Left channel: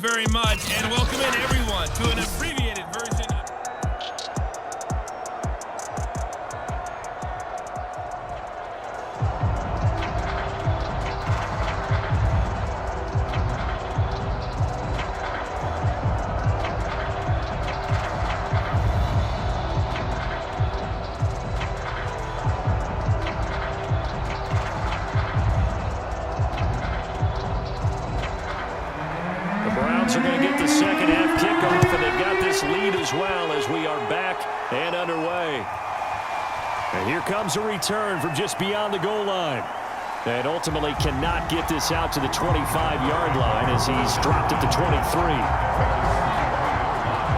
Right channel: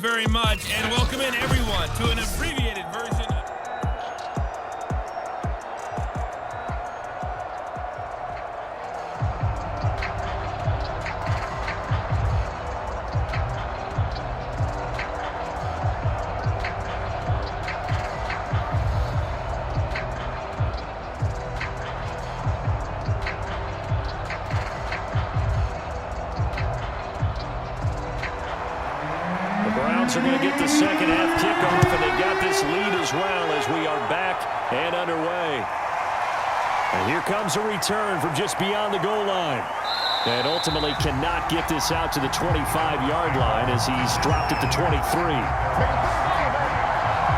Very much, and welcome in everyone to an abbreviated version of Browns are going to get the second half kickoff, and they've got this lead as well as we are back and underway. And here comes a return from just beyond the goal line. And ultimately cannot get this out to the 25-yard line as he's dropped at the 23.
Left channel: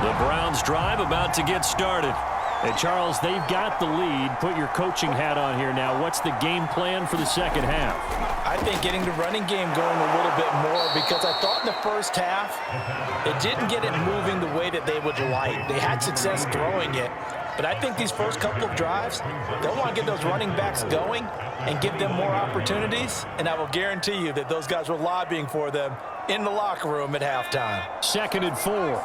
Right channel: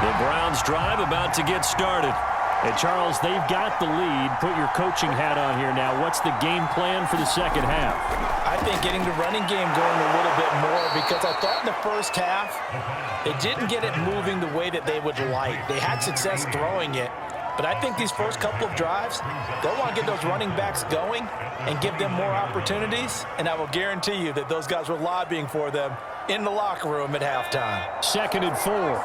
The Browns drive about to get started. And Charles, they've got the lead. Put your coaching hat on here now. What's the game plan for the second half? I think getting the running game going a little bit more, because I thought in the first half they didn't get it moving the way that they would like. They had success throwing it, but I think these first couple of drives, they'll want to get those running backs going and give them more opportunities, and I will guarantee you that those guys were lobbying for them in the locker room at halftime. 2nd and 4.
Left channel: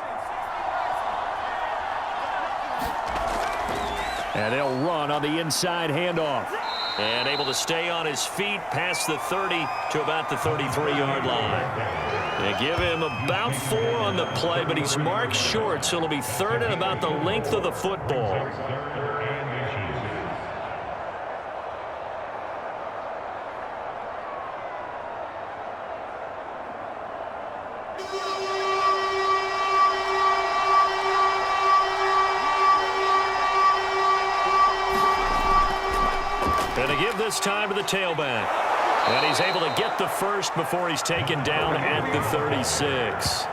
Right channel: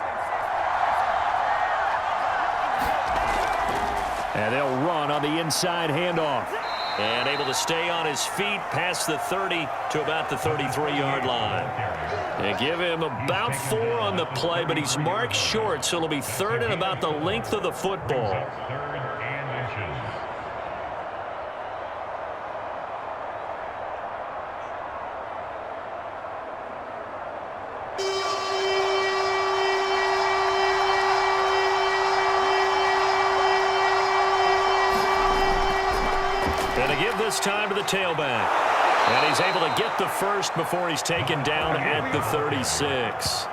And they'll run on the inside handoff. And able to stay on his feet past the 30 to about the 33-yard line. They give him about 4 on the play, but he's marked short, so it'll be 3rd and about the length of the football. Going to give this time to the tailback. And he's able to get the first before he's taken down at the 36.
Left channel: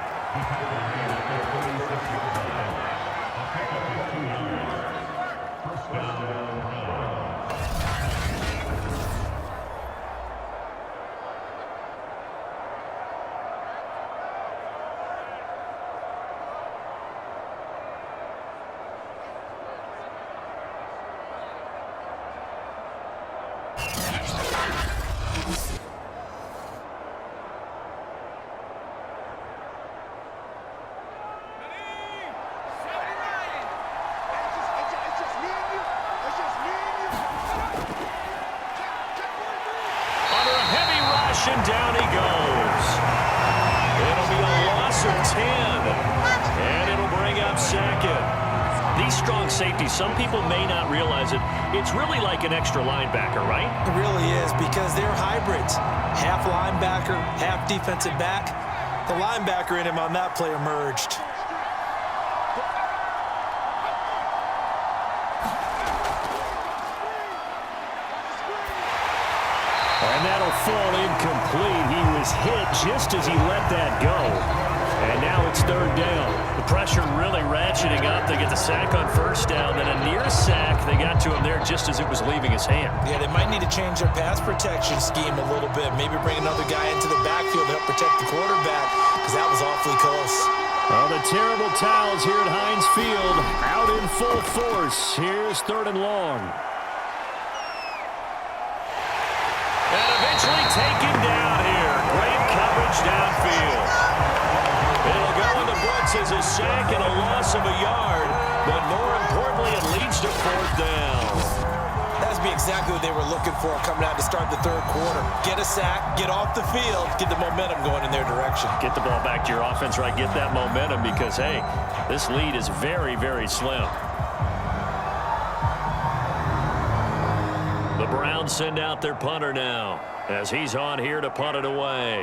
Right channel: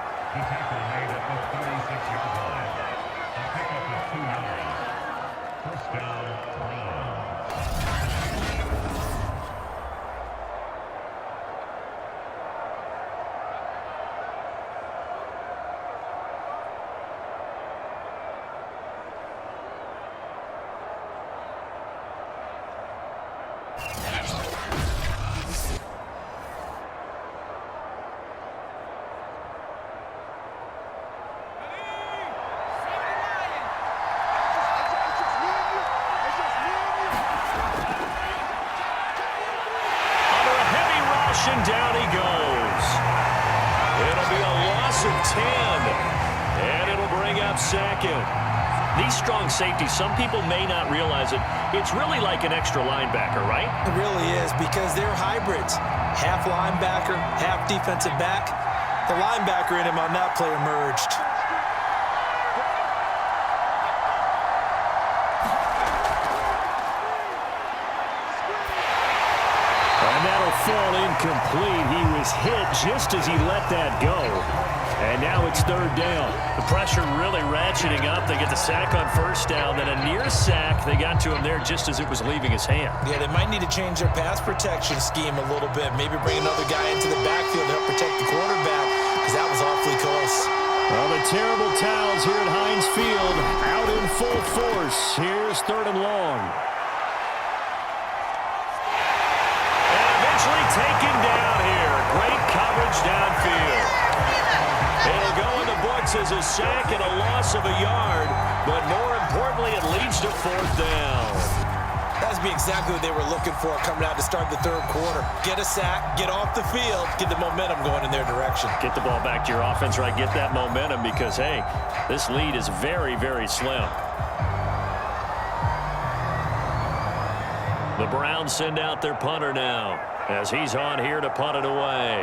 And down he goes. It'll be a loss of 10. And it'll bring up 2nd. These strong safeties, some people may not realize it. It's really like an extra linebacker, right? It really is, because they're hybrids. Half linebacker, half defensive back. The linebacker in him on that play emerged. And that'll fall incomplete. He was hit just as he let that go. And now it's 3rd down. The pressure really ratcheting up. They get the sack on 1st down. Then a near sack. They got to him there just as it was leaving his hand. Yeah, they might need to change their pass protection scheme a little bit. Maybe bring another guy into the backfield to help protect the quarterback, because that was awfully close. Well, the terrible towels here at Heinz Field out in full force. Here's 3rd and long. Taken down here. Great coverage downfield. It'll go in the books as a sack and a loss of a yard, but more importantly, it leads to 4th down. That's exactly what they were looking for coming out to start the 3rd quarter. Get a sack, get off the field, get the momentum going in their direction. Get the ball back to your offense, right? Get that momentum, because, hey, this lead is very, very slim. The Browns send out their punter now, as he's on here to punt it away.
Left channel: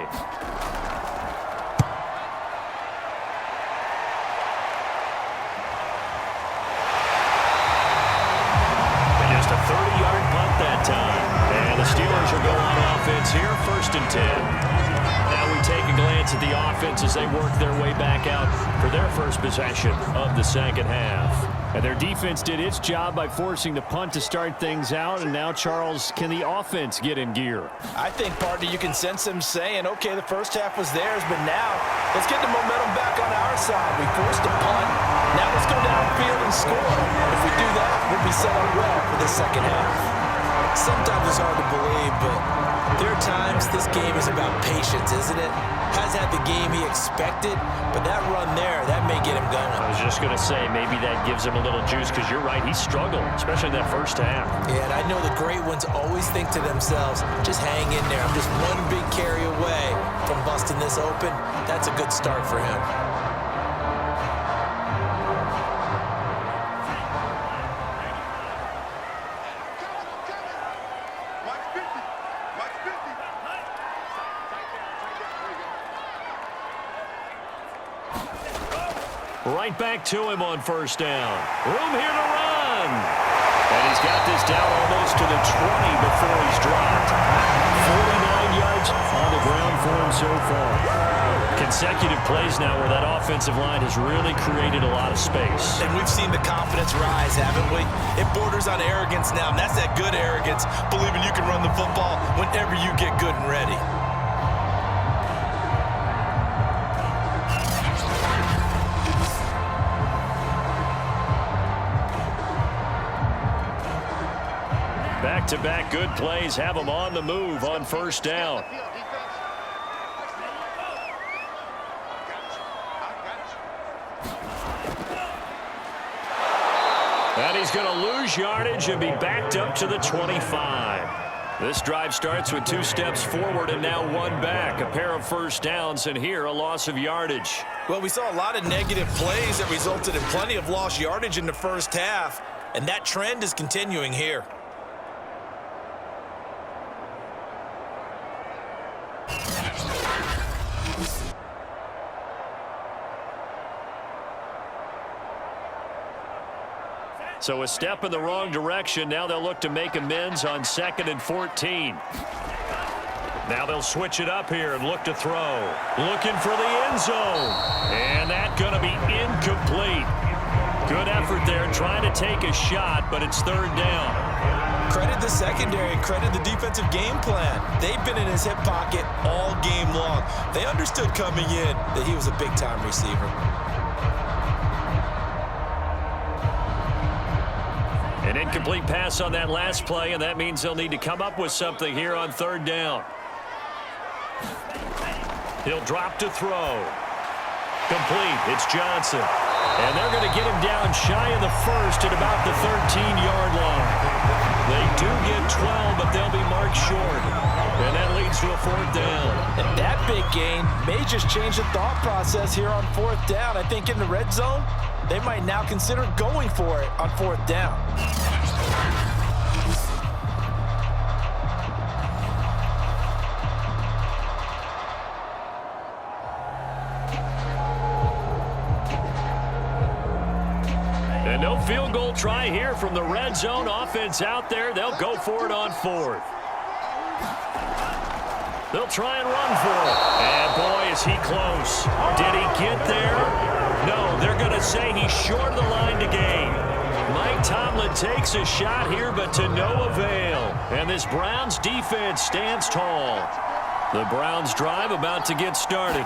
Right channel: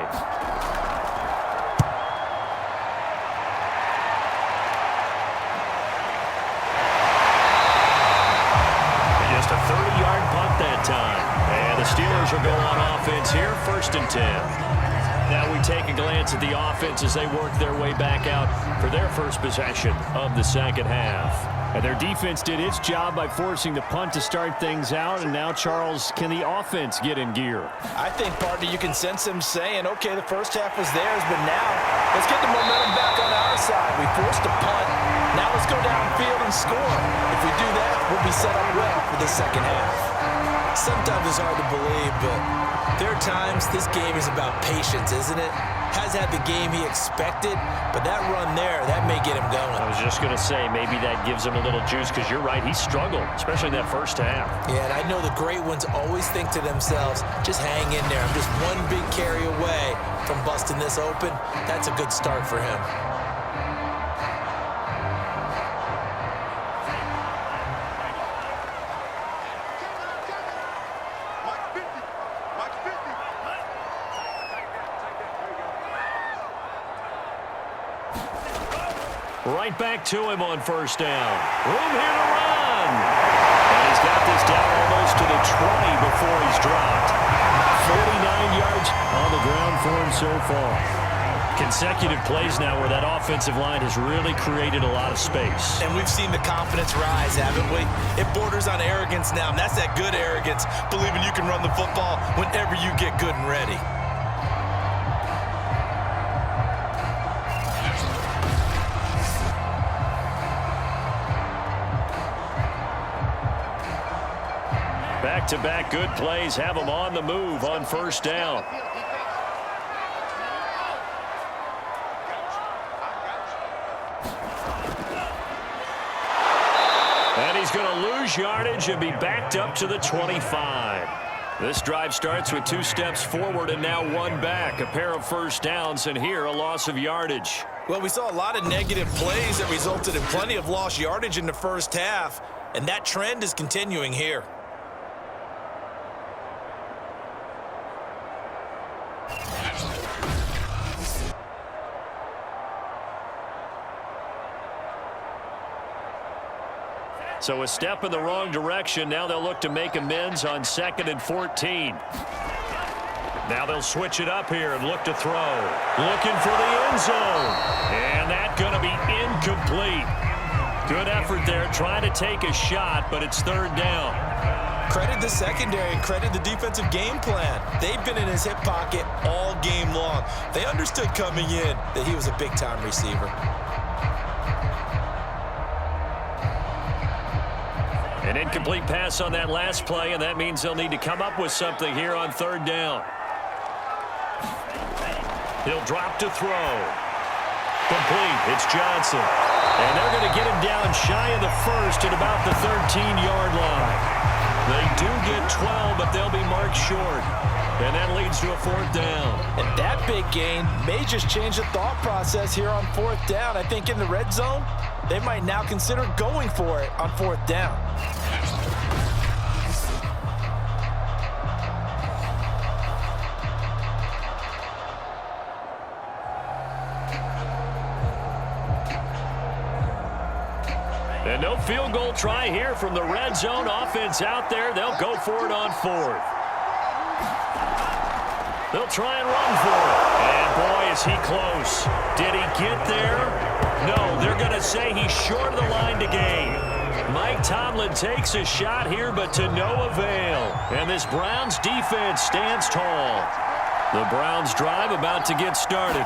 And just a 30-yard punt that time. And the Steelers will go on offense here, 1st and 10. Now we take a glance at the offense as they work their way back out for their first possession of the second half. And their defense did its job by forcing the punt to start things out. And now, Charles, can the offense get in gear? I think, partner, you can sense them saying, okay, the first half was theirs, but now let's get the momentum back on our side. We forced a punt. Now let's go downfield and score. If we do that, we'll be set up well for the second half. Sometimes it's hard to believe, but There are times this game is about patience, isn't it? Has had the game he expected, but that run there, that may get him going. I was just going to say, maybe that gives him a little juice, because you're right, he struggled, especially in that first half. Yeah, and I know the great ones always think to themselves, just hang in there. I'm just one big carry away from busting this open. That's a good start for him. Right back to him on first down. Room here to run. And he's got this down almost to the 20 before he's dropped. 49 yards on the ground for him so far. Consecutive plays now where that offensive line has really created a lot of space. And we've seen the confidence rise, haven't we? It borders on arrogance now, and that's that good arrogance, believing you can run the football whenever you get good and ready. Back-to-back good plays have them on the move on first down. And he's going to lose yardage and be backed up to the 25. This drive starts with 2 steps forward and now 1 back. A pair of first downs, and here a loss of yardage. Well, we saw a lot of negative plays that resulted in plenty of lost yardage in the first half, and that trend is continuing here. So a step in the wrong direction. Now they'll look to make amends on 2nd and 14. Now they'll switch it up here and look to throw. Looking for the end zone. And that's going to be incomplete. Good effort there, trying to take a shot, but it's 3rd down. Credit the secondary and credit the defensive game plan. They've been in his hip pocket all game long. They understood coming in that he was a big-time receiver. An incomplete pass on that last play, and that means they'll need to come up with something here on 3rd down. He'll drop to throw. Complete. It's Johnson. And they're going to get him down shy of the 1st at about the 13-yard line. They do get 12, but they'll be marked short. And that leads to a 4th down. And that big gain may just change the thought process here on 4th down. I think in the red zone, they might now consider going for it on 4th down. And no field goal try here from the red zone. Offense out there. They'll go for it on 4th. They'll try and run for it. And boy, is he close. Did he get there? No, they're going to say he's short of the line to gain. Mike Tomlin takes a shot here, but to no avail. And this Browns defense stands tall. The Browns drive about to get started.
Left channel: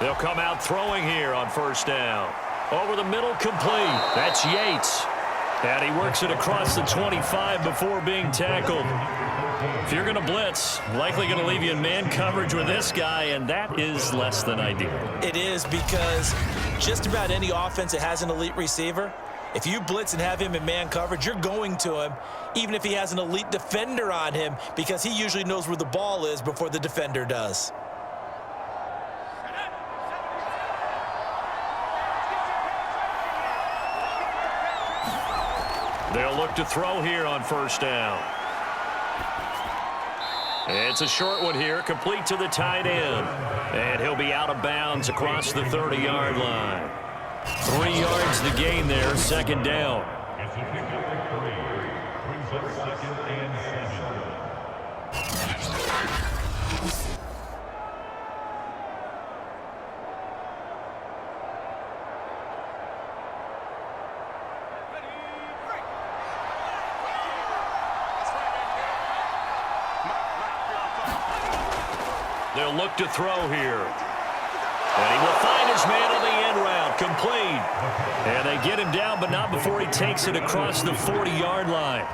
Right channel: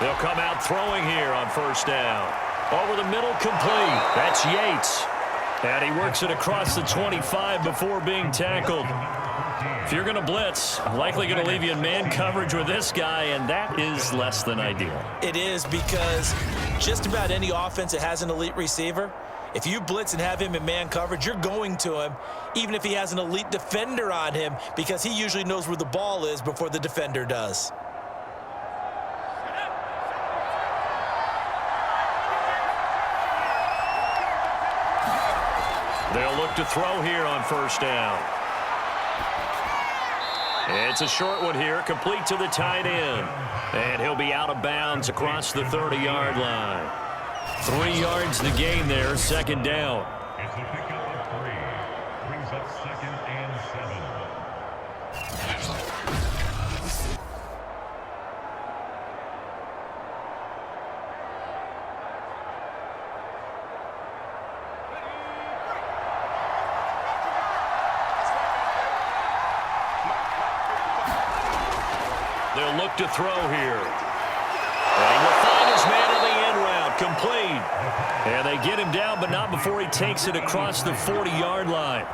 They'll come out throwing here on 1st down. Over the middle, complete. That's Yates. And he works it across the 25 before being tackled. If you're going to blitz, likely going to leave you in man coverage with this guy, and that is less than ideal. It is, because just about any offense that has an elite receiver, if you blitz and have him in man coverage, you're going to him, even if he has an elite defender on him, because he usually knows where the ball is before the defender does. They'll look to throw here on 1st down. It's a short one here, complete to the tight end. And he'll be out of bounds across the 30-yard line. 3 yards the gain there, 2nd down. It's a pickup of 3. Brings up 2nd and 7. They'll look to throw here. And he will find his man on the end route. Complete. And they get him down, but not before he takes it across the 40-yard line.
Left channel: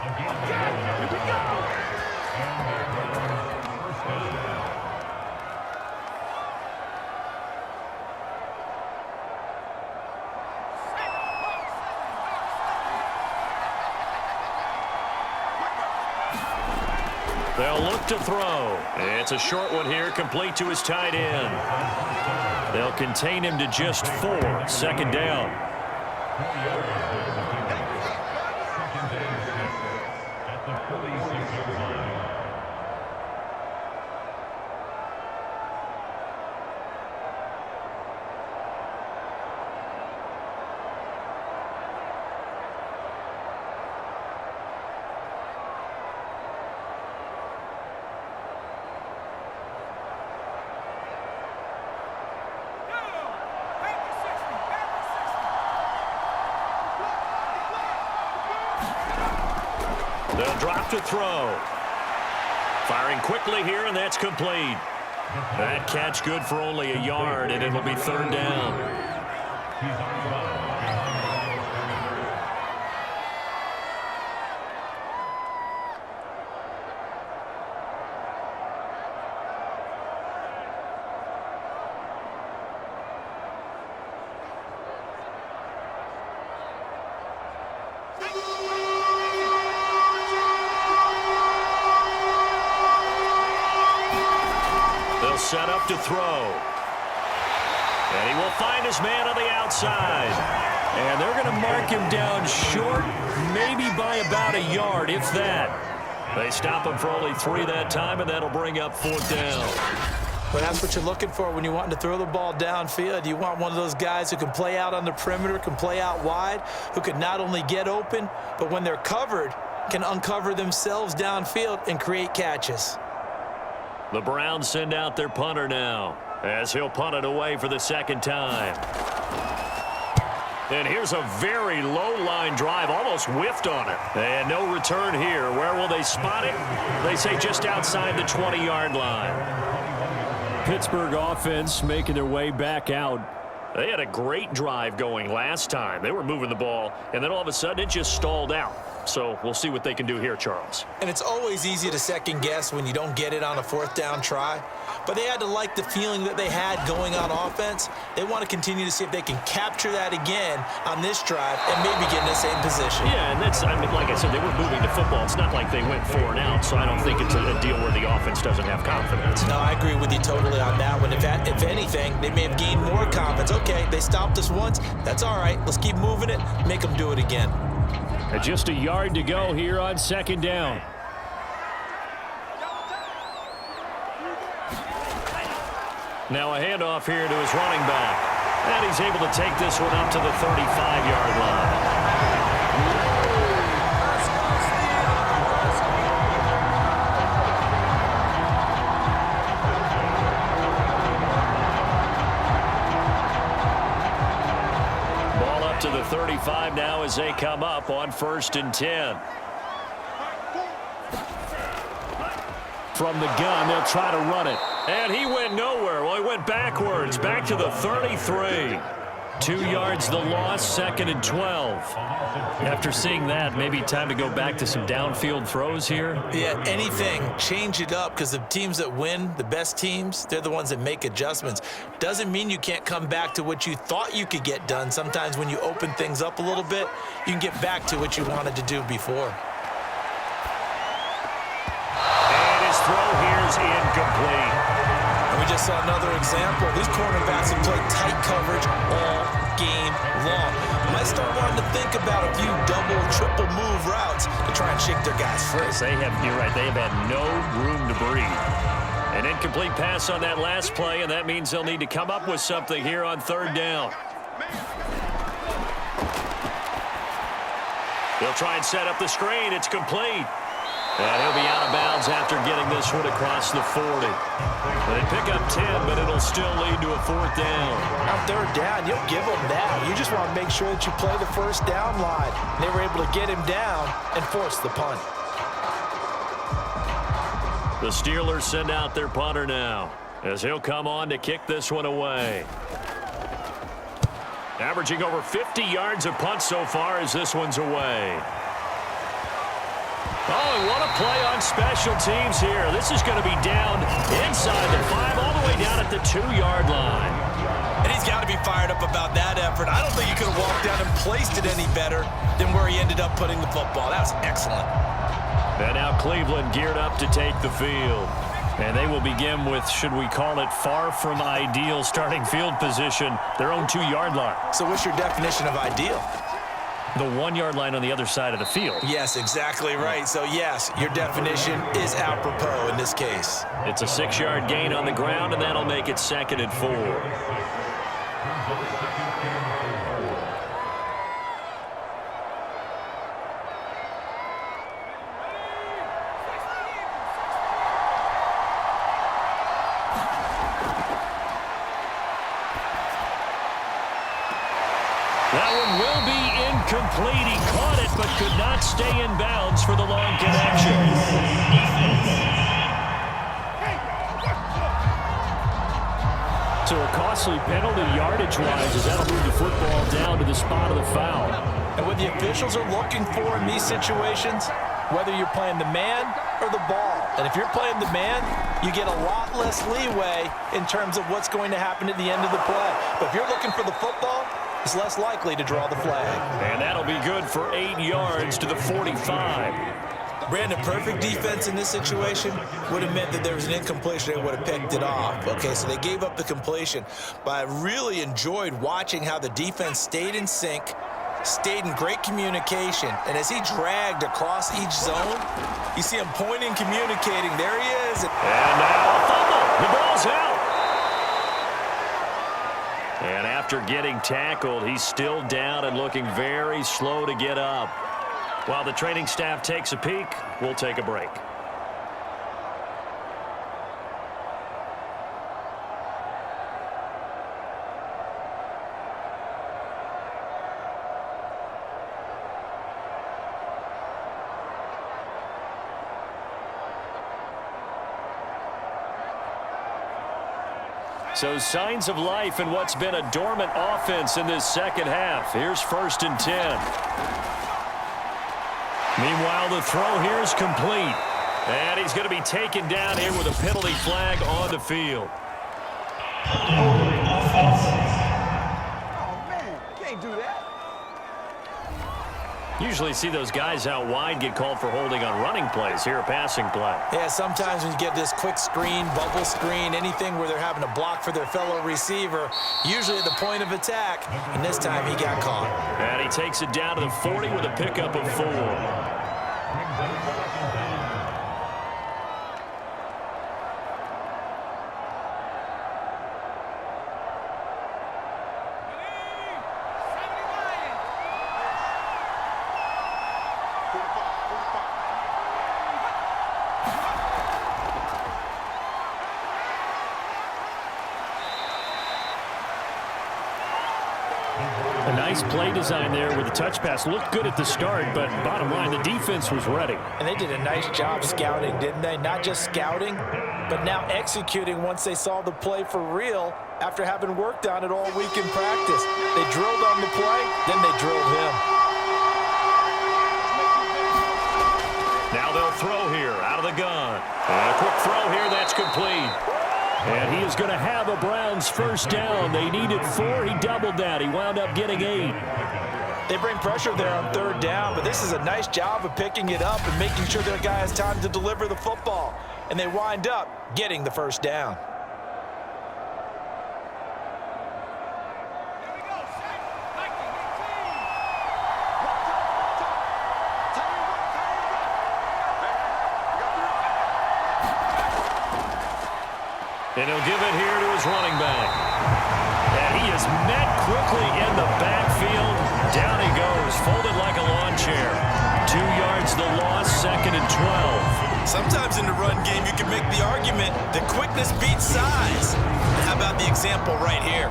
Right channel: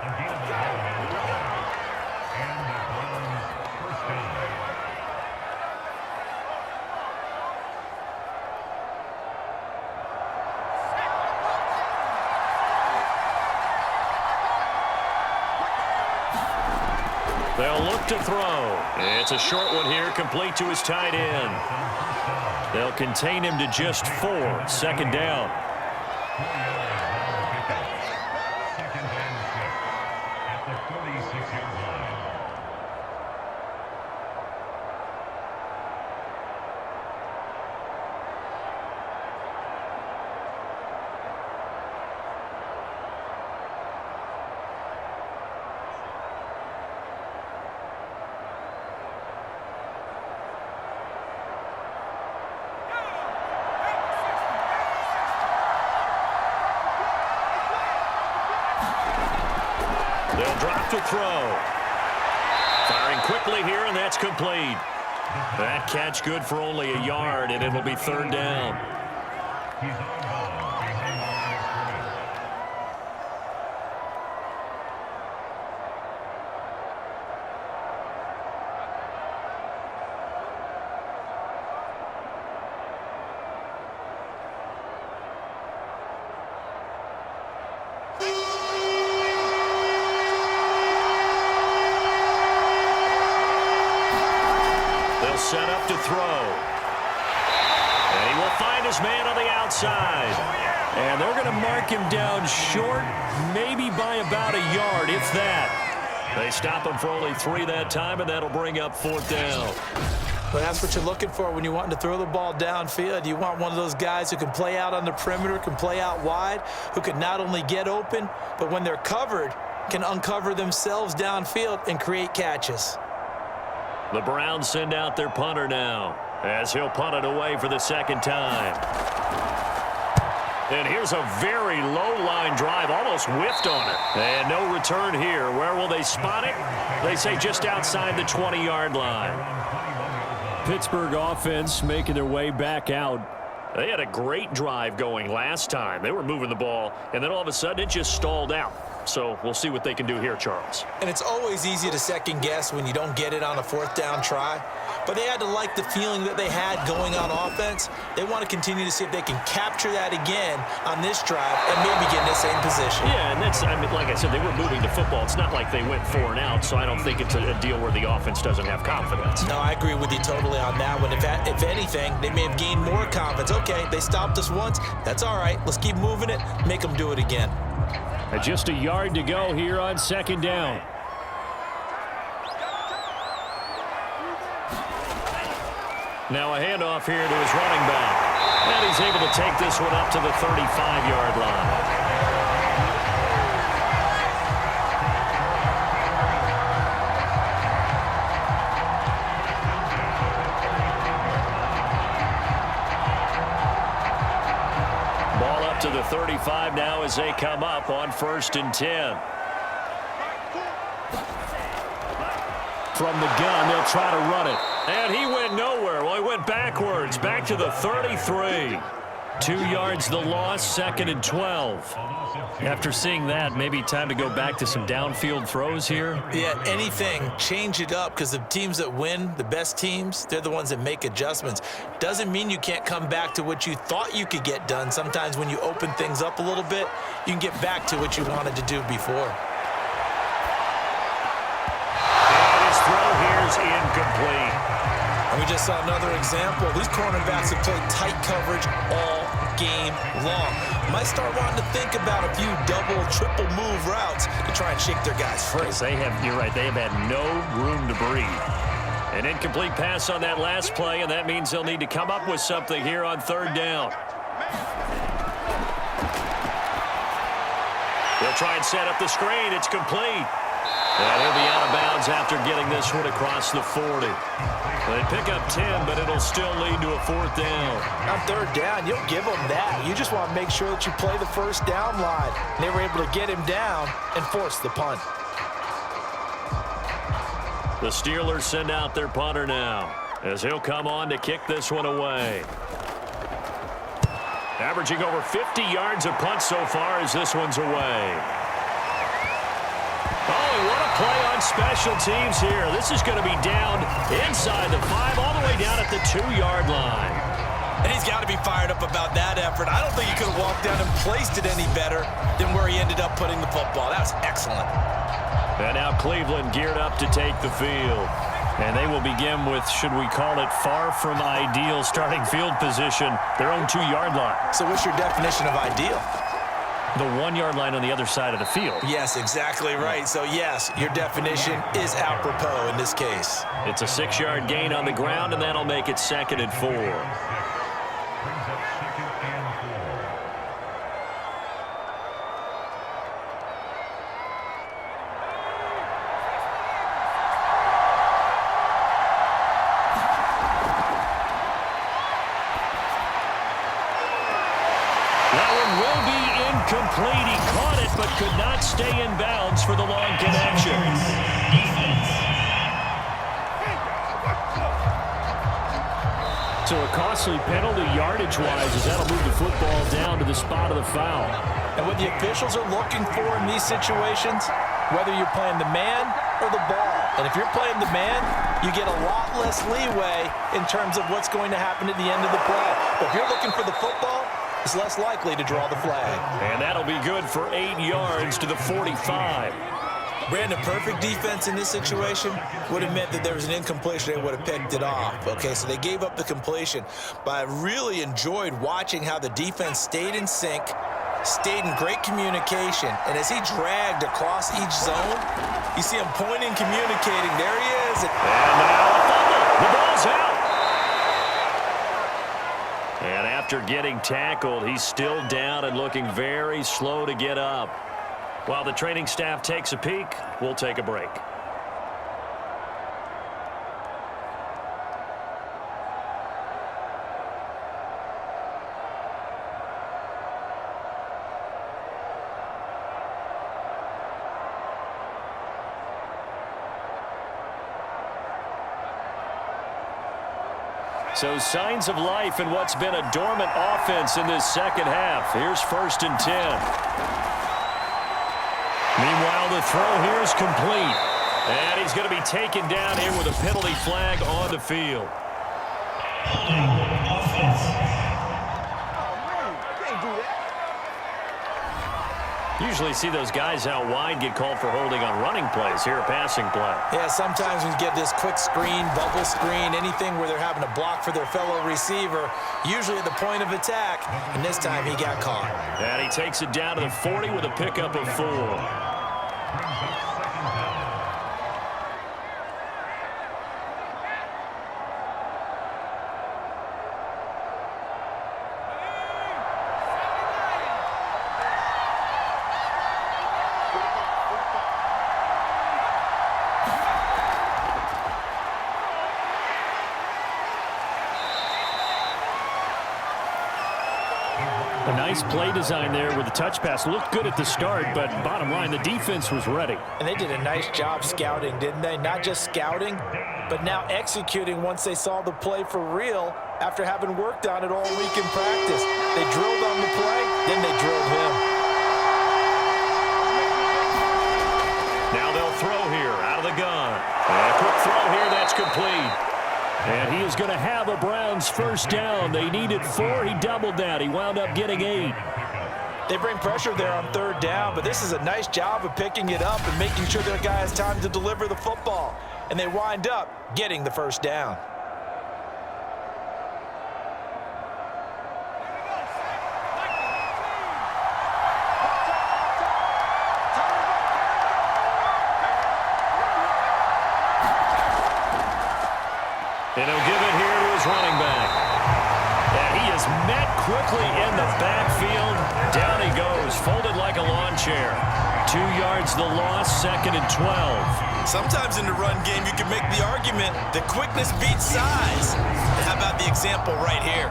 They'll look to throw. It's a short one here, complete to his tight end. They'll contain him to just 4. 2nd down. 4 yards on the pickup. 2nd and 6 at the 46-yard line. They'll drop to throw. Firing quickly here, and that's complete. That catch good for only a yard, and it'll be 3rd down. He's on bounds behind the line of scrimmage. They'll set up to throw. And he will find his man on the outside. And they're going to mark him down short, maybe by about a yard, if that. They stop him for only 3 that time, and that'll bring up 4th down. Well, that's what you're looking for when you want to throw the ball downfield. You want one of those guys who can play out on the perimeter, can play out wide, who can not only get open, but when they're covered, can uncover themselves downfield and create catches. The Browns send out their punter now, as he'll punt it away for the 2nd time. And here's a very low-line drive, almost whiffed on it. And no return here. Where will they spot it? They say just outside the 20-yard line. Pittsburgh offense making their way back out. They had a great drive going last time. They were moving the ball, and then all of a sudden it just stalled out. So we'll see what they can do here, Charles. And it's always easy to second guess when you don't get it on a 4th down try. But they had to like the feeling that they had going on offense. They want to continue to see if they can capture that again on this drive and maybe get in the same position. Yeah, and that's, I mean, like I said, they were moving the football. It's not like they went 4 and out, so I don't think it's a deal where the offense doesn't have confidence. No, I agree with you totally on that one. If anything, they may have gained more confidence. Okay, they stopped us once. That's all right. Let's keep moving it. Make them do it again. Just a yard to go here on 2nd down. Now a handoff here to his running back. And he's able to take this one up to the 35-yard line. Ball up to the 35 now as they come up on 1st and 10. From the gun, they'll try to run it. And he went nowhere. Well, he went backwards, back to the 33. 2 yards the loss, 2nd and 12. After seeing that, maybe time to go back to some downfield throws here. Yeah, anything, change it up, because the teams that win, the best teams, they're the ones that make adjustments. Doesn't mean you can't come back to what you thought you could get done. Sometimes when you open things up a little bit, you can get back to what you wanted to do before. And his throw here is incomplete. And we just saw another example. These cornerbacks have played tight coverage all game long. Might start wanting to think about a few double, triple move routes to try and shake their guys free. Yes, you're right, they have had no room to breathe. An incomplete pass on that last play, and that means they'll need to come up with something here on 3rd down. They'll try and set up the screen. It's complete. And he'll be out of bounds after getting this one across the 40. They pick up 10, but it'll still lead to a 4th down. On 3rd down, you'll give them that. You just want to make sure that you play the 1st down line. They were able to get him down and force the punt. The Steelers send out their punter now, as he'll come on to kick this one away. Averaging over 50 yards of punt so far as this one's away. Oh, and what a play on special teams here. This is going to be down inside the 5, all the way down at the 2-yard line. And he's got to be fired up about that effort. I don't think he could have walked down and placed it any better than where he ended up putting the football. That was excellent. And now Cleveland geared up to take the field. And they will begin with, should we call it, far from ideal starting field position, their own 2-yard line. So what's your definition of ideal? The 1-yard line on the other side of the field. Yes, exactly right. So, yes, your definition is apropos in this case. It's a 6-yard gain on the ground, and that'll make it 2nd and 4. Brings up 2nd and 4. That one will be incomplete. He caught it but could not stay in bounds for the long connection. So a costly penalty yardage-wise as that'll move the football down to the spot of the foul. And what the officials are looking for in these situations, whether you're playing the man or the ball. And if you're playing the man, you get a lot less leeway in terms of what's going to happen at the end of the play. But if you're looking for the football, it's less likely to draw the flag. And that'll be good for 8 yards to the 45. Brandon, perfect defense in this situation would have meant that there was an incompletion. They would have picked it off. Okay, so they gave up the completion. But I really enjoyed watching how the defense stayed in sync, stayed in great communication. And as he dragged across each zone, you see him pointing, communicating. There he is. And now a fumble. The ball's out. And after getting tackled, he's still down and looking very slow to get up. While the training staff takes a peek, we'll take a break. So signs of life in what's been a dormant offense in this second half. Here's 1st and 10. Meanwhile, the throw here is complete. And he's going to be taken down here with a penalty flag on the field. Holding offense. Oh, man, you can't do that. Usually see those guys out wide get called for holding on running plays. Here, a passing play. Yeah, sometimes when you get this quick screen, bubble screen, anything where they're having to block for their fellow receiver, usually at the point of attack, and this time he got caught. And he takes it down to the 40 with a pickup of 4. Brings up 2nd down. A nice play design there with the touch pass. Looked good at the start, but bottom line, the defense was ready. And they did a nice job scouting, didn't they? Not just scouting, but now executing once they saw the play for real after having worked on it all week in practice. They drilled on the play, then they drilled him. Now they'll throw here out of the gun. And a quick throw here, that's complete. And he is going to have a Browns first down. They needed 4. He doubled that. He wound up getting 8. They bring pressure there on 3rd down, but this is a nice job of picking it up and making sure their guy has time to deliver the football. And they wind up getting the first down. And he'll give it here to his running back. And he is met quickly in the backfield. Down he goes, folded like a lawn chair. 2 yards the loss, 2nd and 12. Sometimes in the run game, you can make the argument that quickness beats size. And how about the example right here?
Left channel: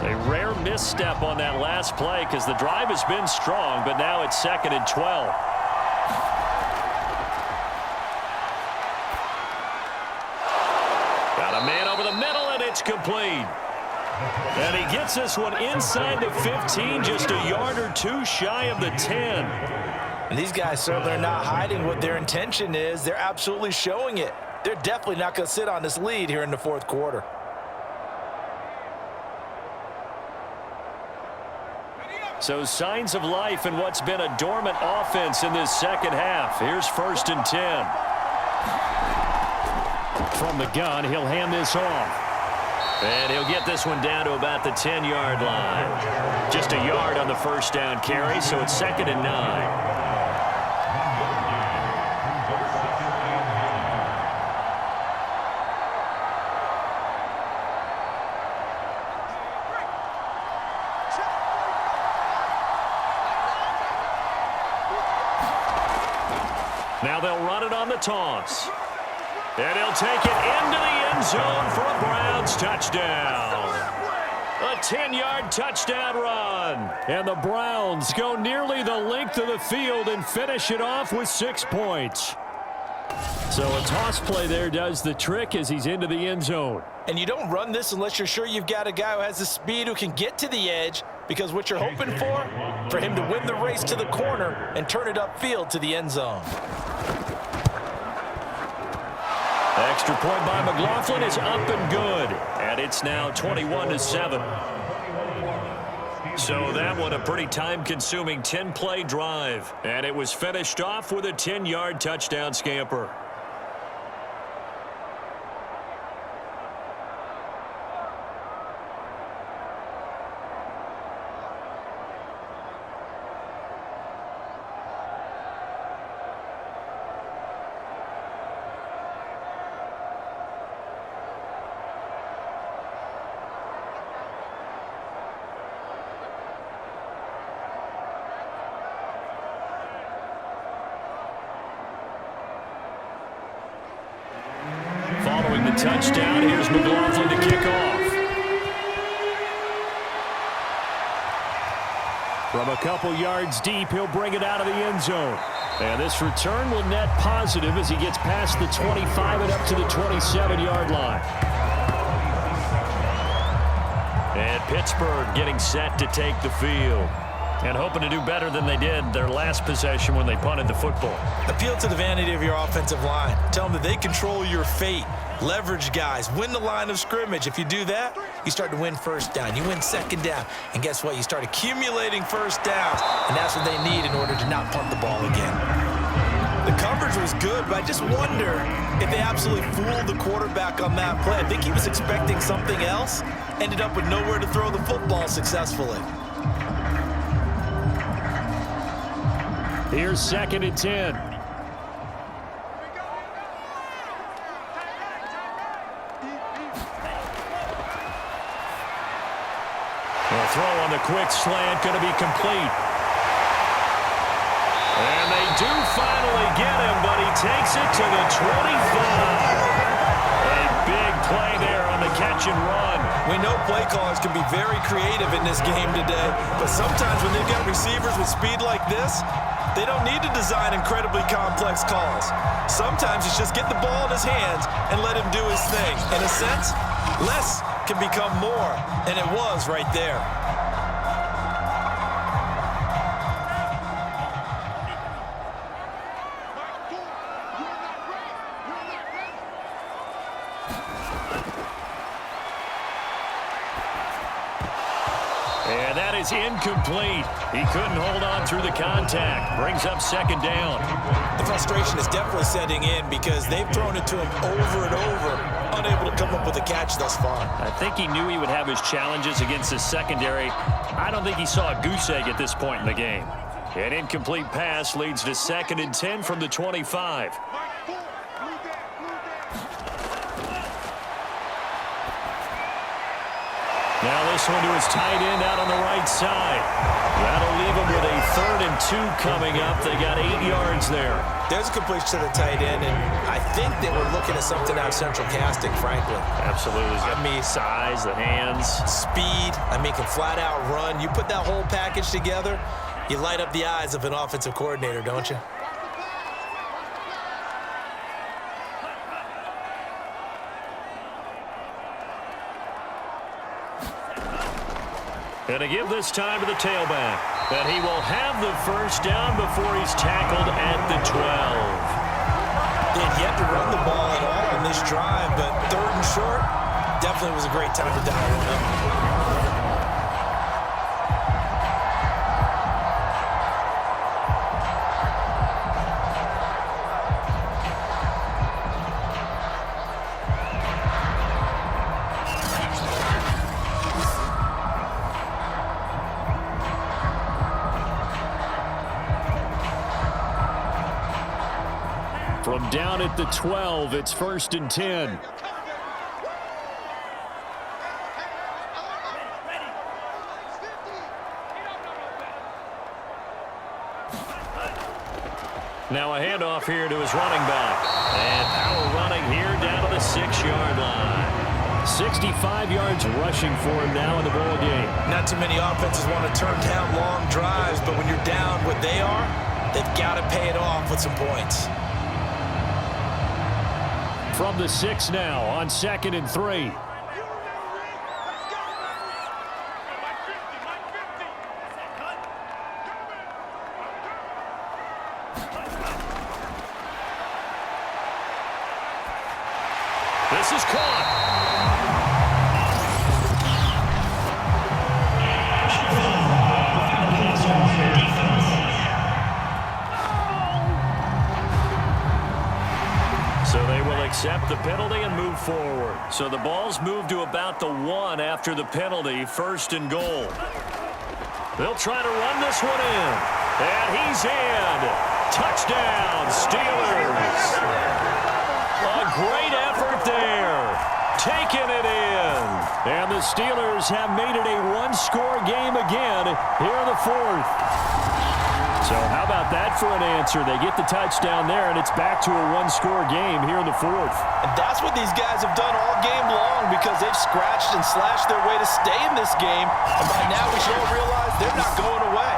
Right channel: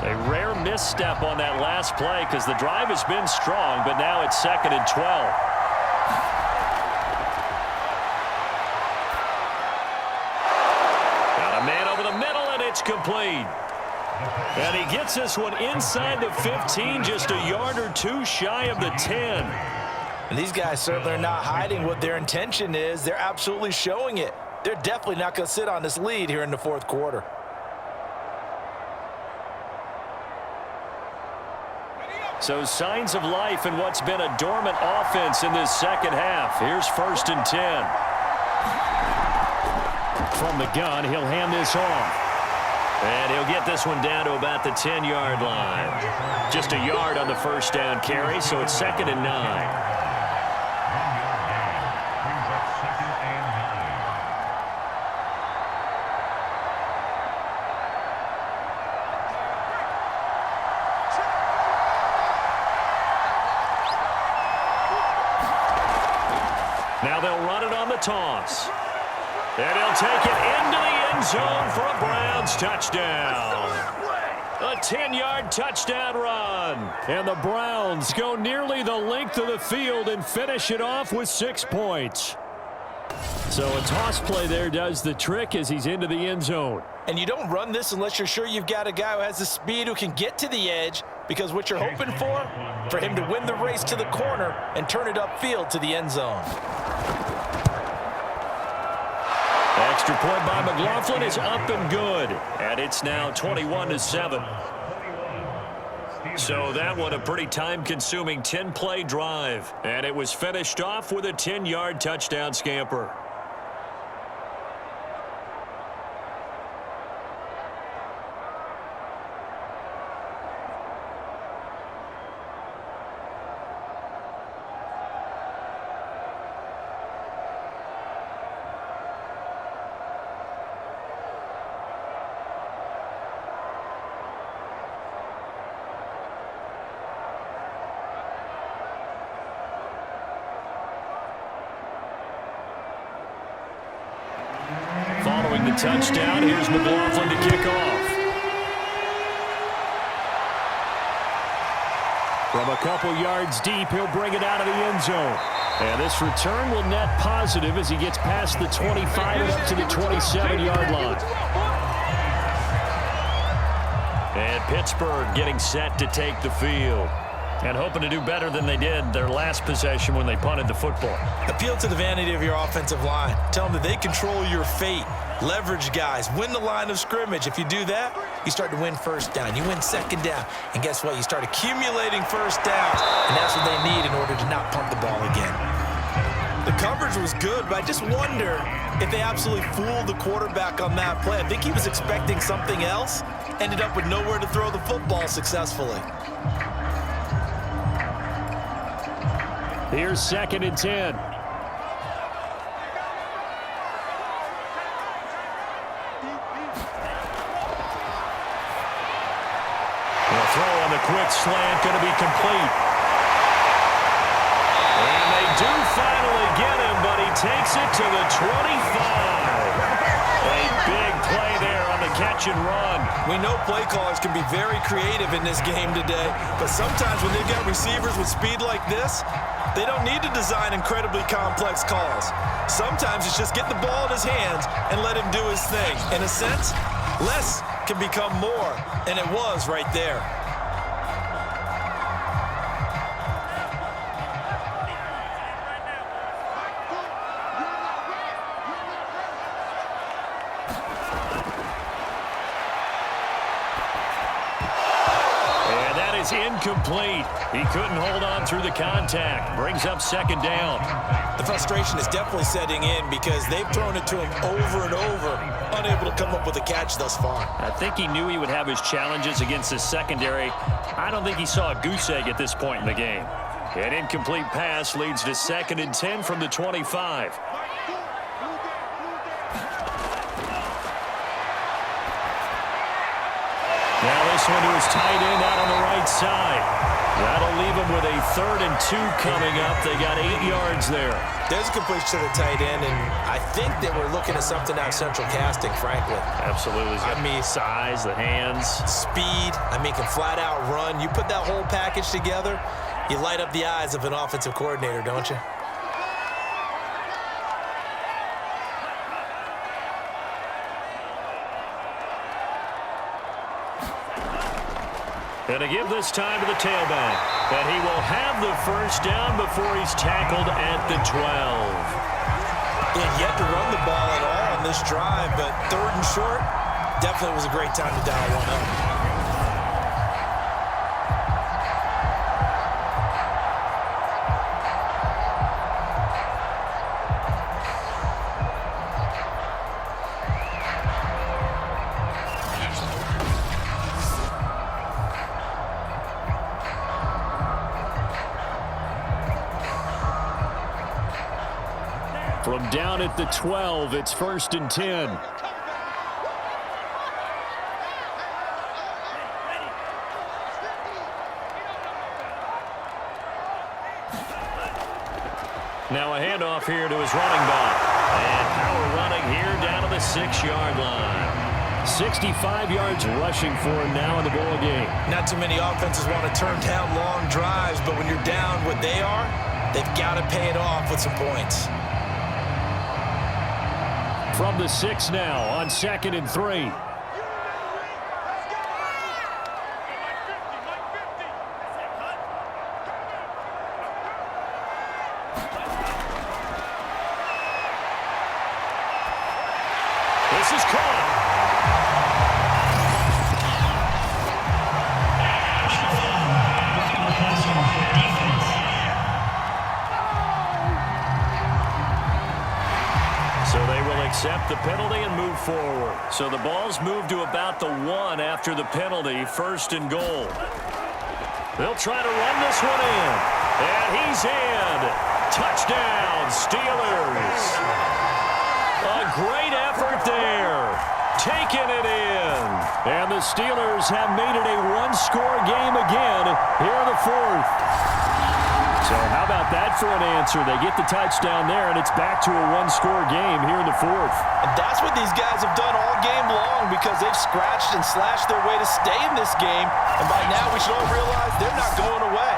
They rare misstep on that last play because the drive has been strong, but now it's 2nd and 12. Got a man over the middle, and it's complete. And he gets this one inside the 15, just a yard or two shy of the 10. And these guys certainly are not hiding what their intention is. They're absolutely showing it. They're definitely not going to sit on this lead here in the fourth quarter. So signs of life in what's been a dormant offense in this second half. Here's 1st and 10. From the gun, he'll hand this off. And he'll get this one down to about the 10-yard line. Just a yard on the first down carry, so it's 2nd and 9. 1 yard gain brings up 2nd and 9. Now they'll run it on the toss. And he'll take it into the end zone for a Browns touchdown. A 10-yard touchdown run. And the Browns go nearly the length of the field and finish it off with 6 points. So a toss play there does the trick as he's into the end zone. And you don't run this unless you're sure you've got a guy who has the speed who can get to the edge, because what you're hoping for him to win the race to the corner and turn it upfield to the end zone. Extra point by McLaughlin is up and good. And it's now 21-7. So that one a pretty time-consuming 10-play drive. And it was finished off with a 10-yard touchdown scamper. Following the touchdown, here's McLaughlin to kick off. From a couple yards deep, he'll bring it out of the end zone. And this return will net positive as he gets past the 25 and up to the 27-yard line. And Pittsburgh getting set to take the field. And hoping to do better than they did their last possession when they punted the football. Appeal to the vanity of your offensive line. Tell them that they control your fate. Leverage guys. Win the line of scrimmage. If you do that, you start to win first down. You win second down. And guess what? You start accumulating first downs. And that's what they need in order to not punt the ball again. The coverage was good, but I just wonder if they absolutely fooled the quarterback on that play. I think he was expecting something else. Ended up with nowhere to throw the football successfully. Here's 2nd and 10. The throw on the quick slant going to be complete. And they do finally get him, but he takes it to the 25. A big play there on the catch and run. We know play callers can be very creative in this game today, but sometimes when they've got receivers with speed like this, they don't need to design incredibly complex calls. Sometimes it's just get the ball in his hands and let him do his thing. In a sense, less can become more, and it was right there. And that is incomplete. He couldn't hold on through the contact. Brings up 2nd down. The frustration is definitely setting in because they've thrown it to him over and over, unable to come up with a catch thus far. I think he knew he would have his challenges against his secondary. I don't think he saw a goose egg at this point in the game. An incomplete pass leads to 2nd and 10 from the 25. Now this one to his tight end out on the right side. That'll leave him with a 3rd and 2 coming up. They got 8 yards there. There's a completion to the tight end, and I think that we're looking at something out of central casting, frankly. Absolutely. I mean, size, the hands. Speed. I mean, can flat out run. You put that whole package together, you light up the eyes of an offensive coordinator, don't you? And to give this time to the tailback. But he will have the first down before he's tackled at the 12. They had yet to run the ball at all on this drive, but 3rd and short, definitely was a great time to dial one up. From down at the 12, it's 1st and 10. Now a handoff here to his running back. And power running here down to the 6-yard line. 65 yards rushing for him now in the ball game. Not too many offenses want to turn down long drives, but when you're down what they are, they've got to pay it off with some points. From the 6 now on 2nd and 3. This is caught. So they will accept the penalty and move forward. So the ball's moved to about the 1 after the penalty, 1st and goal. They'll try to run this one in. And he's in. Touchdown, Steelers. A great effort there. Taking it in. And the Steelers have made it a 1-score game again here in the 4th. So how about that for an answer? They get the touchdown there, and it's back to a 1-score game here in the 4th. And that's what these guys have done all game long because they've scratched and slashed their way to stay in this game. And by now we should all realize they're not going away.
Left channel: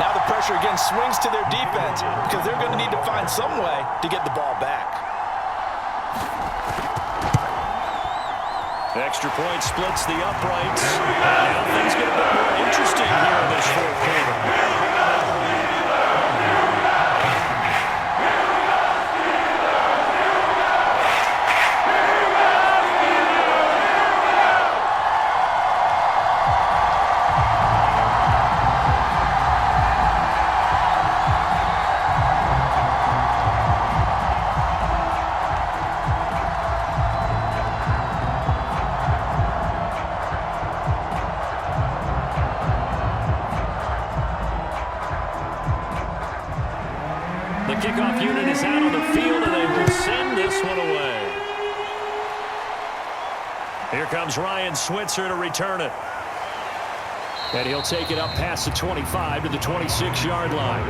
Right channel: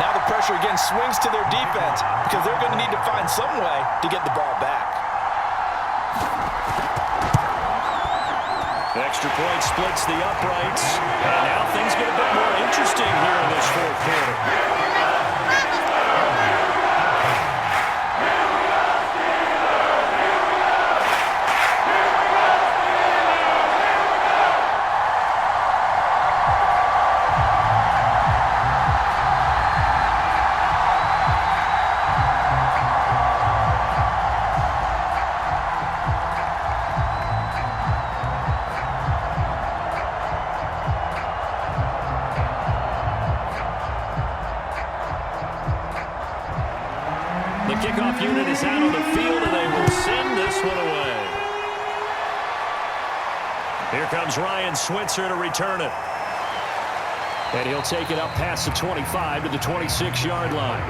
Now the pressure again swings to their defense because they're going to need to find some way to get the ball back. Extra point splits the uprights. And now things get a bit more interesting here in this 4th quarter. The kickoff unit is out on the field, and they will send this one away. Here comes Ryan Switzer to return it. And he'll take it up past the 25 to the 26-yard line.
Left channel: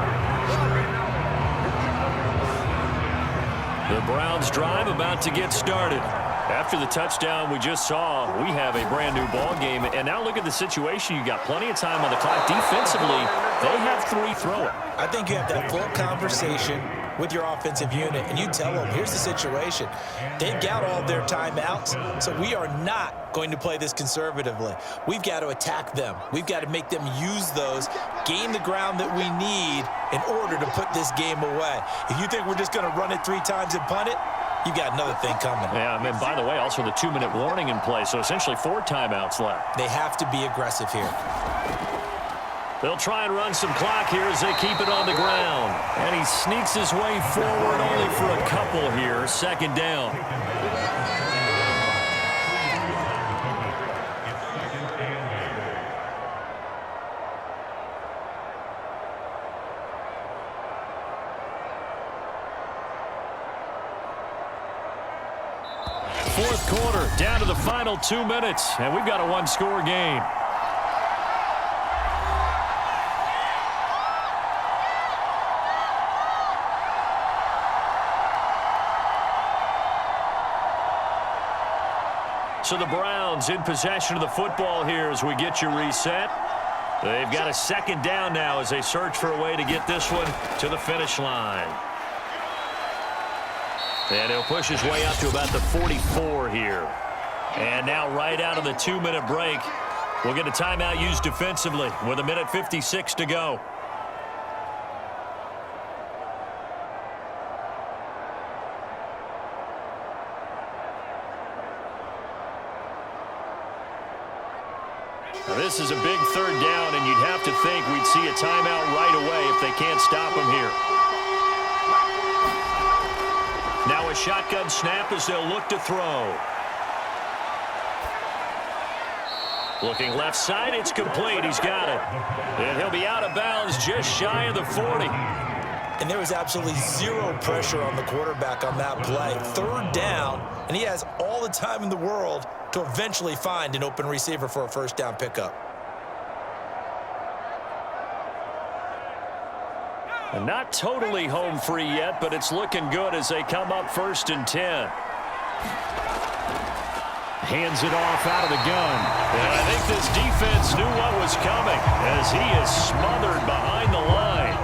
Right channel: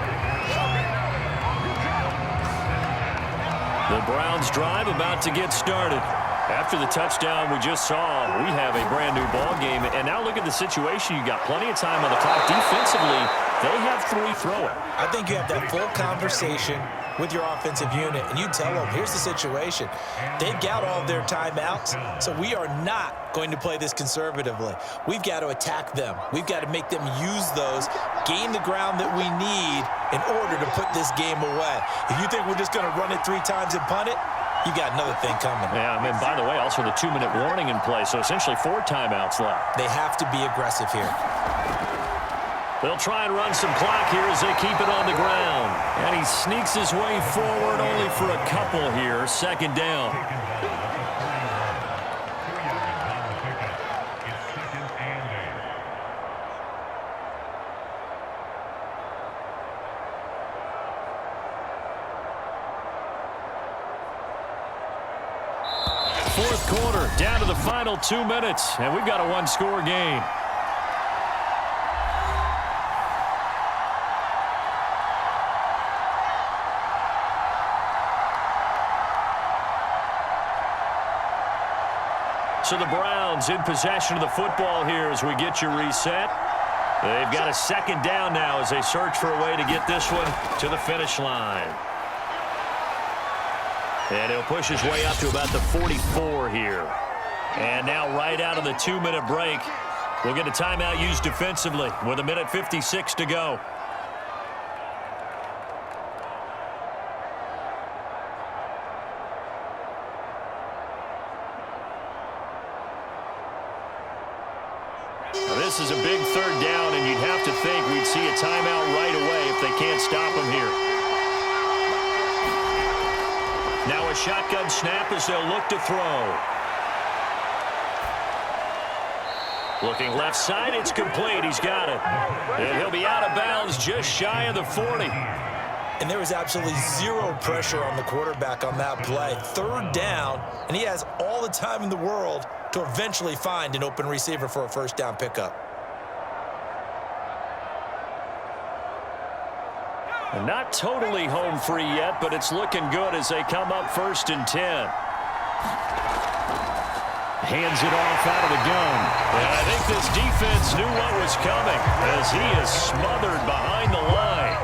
The Browns drive about to get started. After the touchdown we just saw, we have a brand new ball game. And now look at the situation. You got plenty of time on the clock. Defensively, they have 3 throwing. I think you have that full conversation with your offensive unit, and you tell them, here's the situation. They've got all their timeouts, so we are not going to play this conservatively. We've got to attack them. We've got to make them use those, gain the ground that we need in order to put this game away. If you think we're just going to run it 3 times and punt it, you got another thing coming. Yeah, and by the way, also the 2-minute warning in play, so essentially 4 timeouts left. They have to be aggressive here. They'll try and run some clock here as they keep it on the ground. And he sneaks his way forward only for a couple here. 2nd down. Fourth quarter, down to the final 2 minutes, and we've got a one-score game. So the Browns in possession of the football here as we get you reset. They've got a second down now as they search for a way to get this one to the finish line. And he'll push his way up to about the 44 here. And now right out of the 2-minute break, we'll get a timeout used defensively with 1:56 to go. Now this is a big third down, and you'd have to think we'd see a timeout right away if they can't stop him here. Now a shotgun snap as they'll look to throw. Looking left side, it's complete. He's got it. And he'll be out of bounds just shy of the 40. And there was absolutely zero pressure on the quarterback on that play. Third down, and he has all the time in the world to eventually find an open receiver for a first down pickup. And not totally home free yet, but it's looking good as they come up 1st and 10. Hands it off out of the gun. And I think this defense knew what was coming as he is smothered behind the line.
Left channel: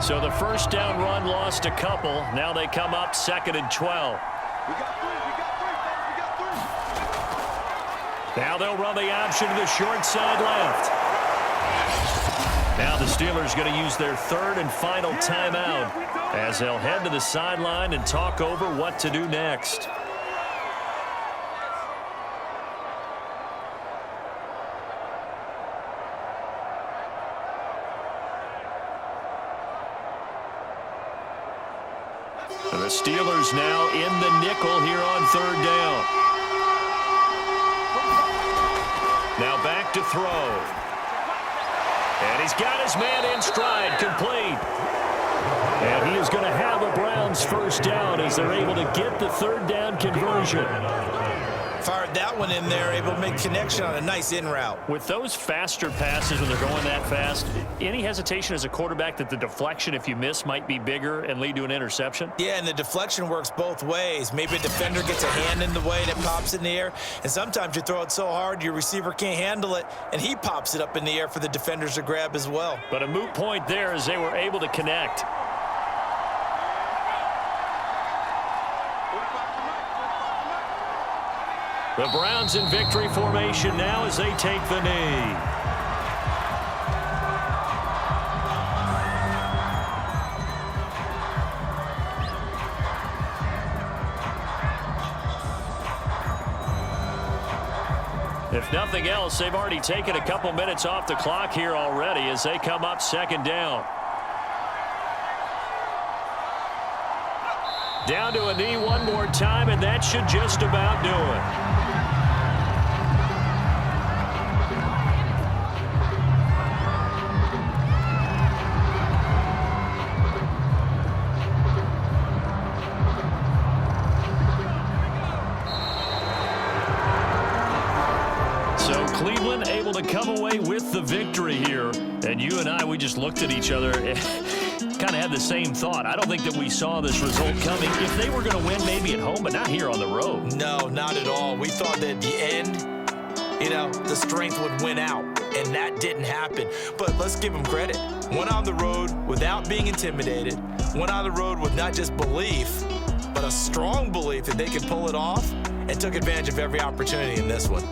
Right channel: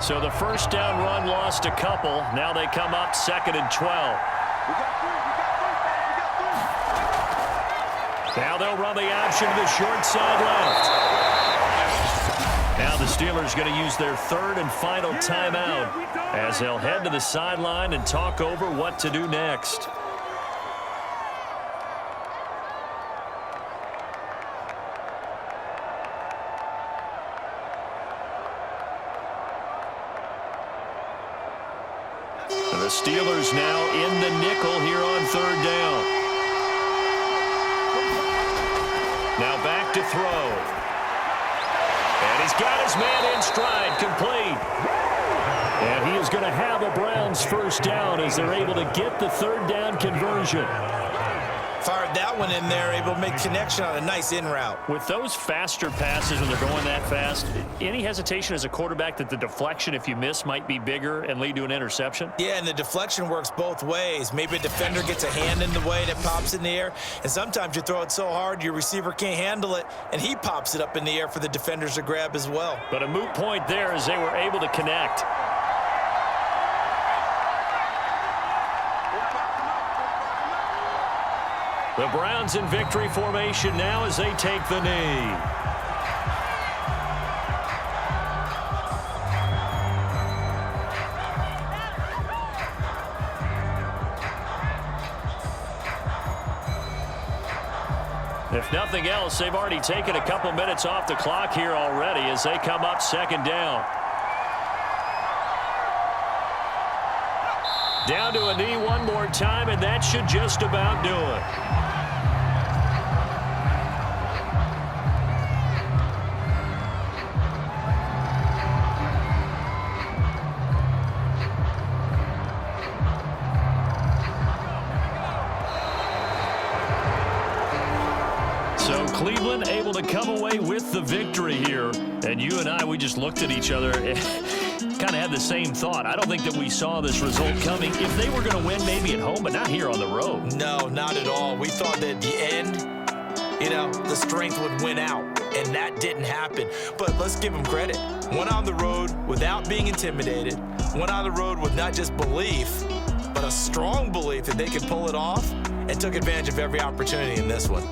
So the first down run lost a couple. Now they come up 2nd and 12. We got three, fellas, we got three. Now they'll run the option to the short side left. Now the Steelers going to use their third and final timeout as they'll head to the sideline and talk over what to do next. The Steelers now in the nickel here on third down. Now back to throw. And he's got his man in stride, complete. And he is going to have a Browns first down as they're able to get the third down conversion. Fired that one in there, able to make connection on a nice in route. With those faster passes when they're going that fast, any hesitation as a quarterback that the deflection, if you miss, might be bigger and lead to an interception? Yeah, and the deflection works both ways. Maybe a defender gets a hand in the way and it pops in the air, and sometimes you throw it so hard your receiver can't handle it, and he pops it up in the air for the defenders to grab as well. But a moot point there as they were able to connect. The Browns in victory formation now as they take the knee. If nothing else, they've already taken a couple minutes off the clock here already as they come up 2nd down. Down to a knee one more time, and that should just about do it. So Cleveland able to come away with the victory here. And you and I, we just looked at each other and kind of had the same thought. I don't think that we saw this result coming. If they were going to win maybe at home, but not here on the road. No, not at all. We thought that at the end, the strength would win out, and that didn't happen. But let's give them credit. Went on the road without being intimidated. Went on the road with not just belief, but a strong belief that they could pull it off, and took advantage of every opportunity in this one.